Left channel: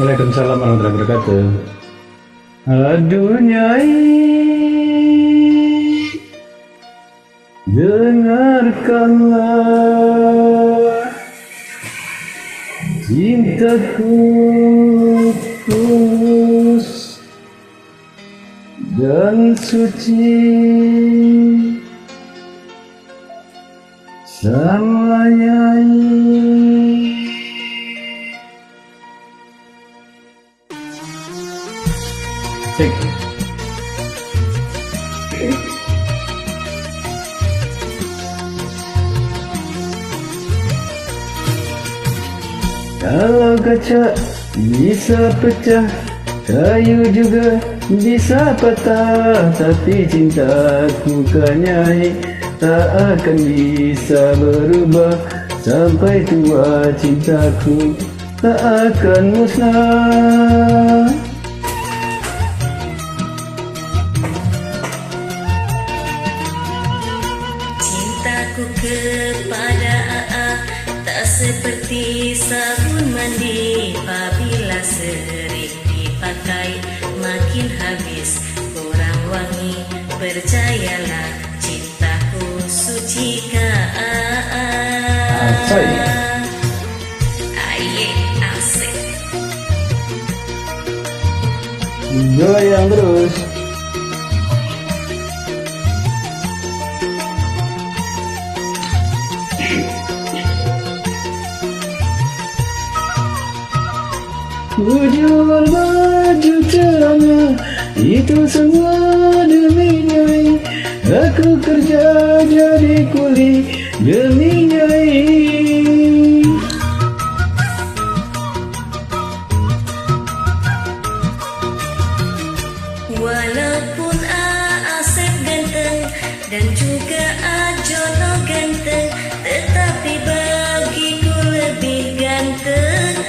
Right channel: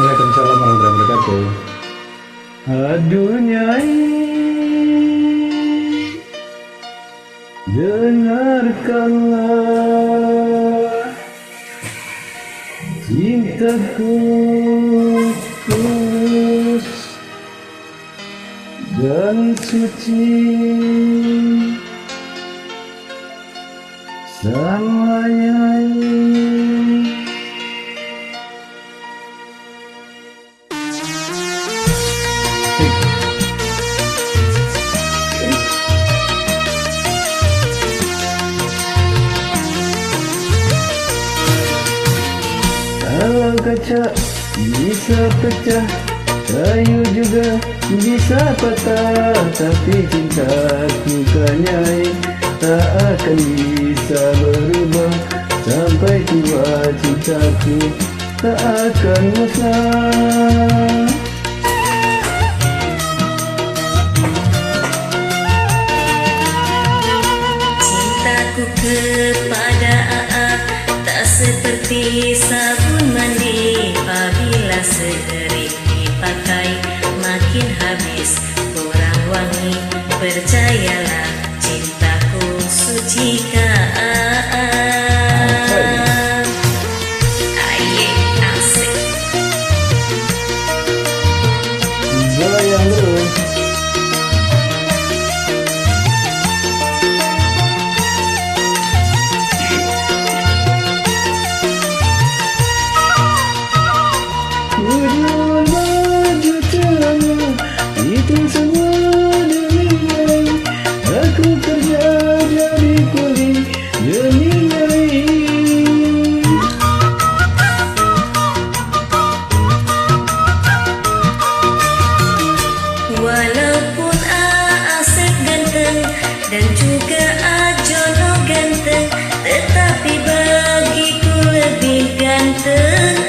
Waalaikumsalam warahmatullahi wabarakatuh. Aduh Nyai, dengarkanlah cintaku tulus dan suci sama Nyai. Kalau kaca bisa pecah, kayu juga bisa patah, tapi cintaku ke Nyai tak akan bisa berubah. Sampai tua cintaku tak akan musnah. Cintaku kepada AA tak seperti sabun mandi, apabila sering dipakai makin habis kurang wangi. Percayalah cintaku suci ka AA. Aye, asik. Goyang terus. Ku jual baju celana, itu semua demi Nyai. Aku kerja jadi kuli demi Nyai. Walaupun Asep ganteng dan juga Jono ganteng, tetapi bagiku lebih ganteng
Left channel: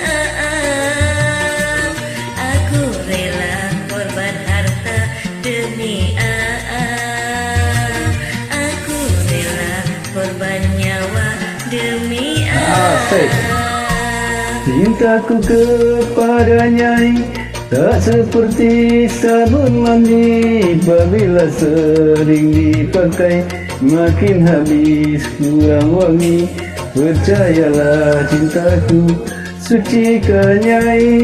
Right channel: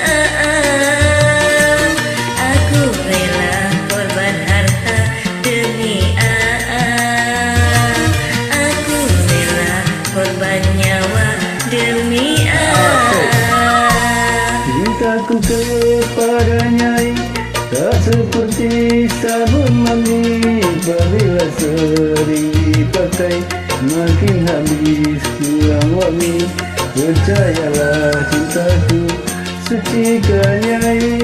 Aku rela korban harta demi Aku rela korban nyawa demi Cintaku kepada Nyai tak seperti sabun mandi, apabila sering dipakai makin habis kurang wangi. Percayalah cintaku suci ke Nyai.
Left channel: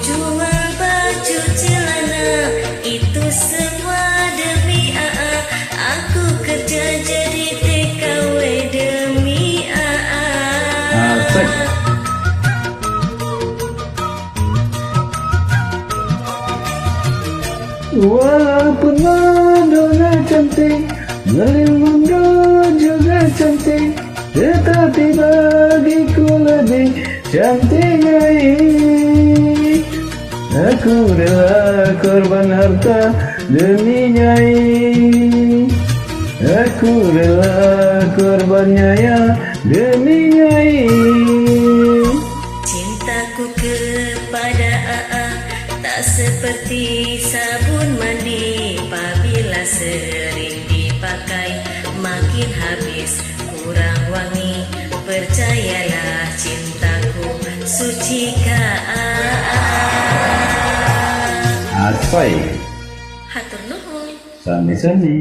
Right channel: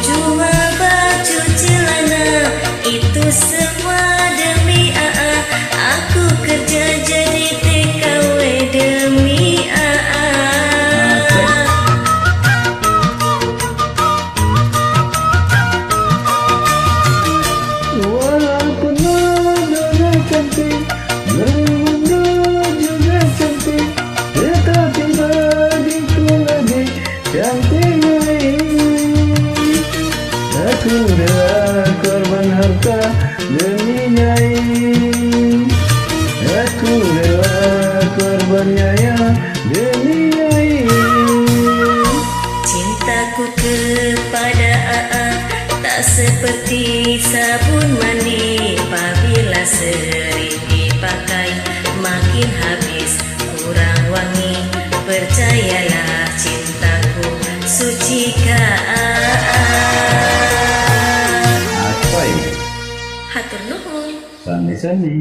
Jual baju celana, itu semua demi AA. Aku kerja jadi TKW demi AA. Walaupun Madonna cantik, Melinda juga cantik, tetapi bagiku lebih cantik Nyai. Aku rela korban harta demi Nyai. Aku rela korban nyaya demi Nyai. Cintaku kepada AA tak seperti sabun mandi, apabila sering dipakai makin habis kurang wangi. Percayalah cintaku suci ka AA. Aspai Hatur nuhun. Sani-sani.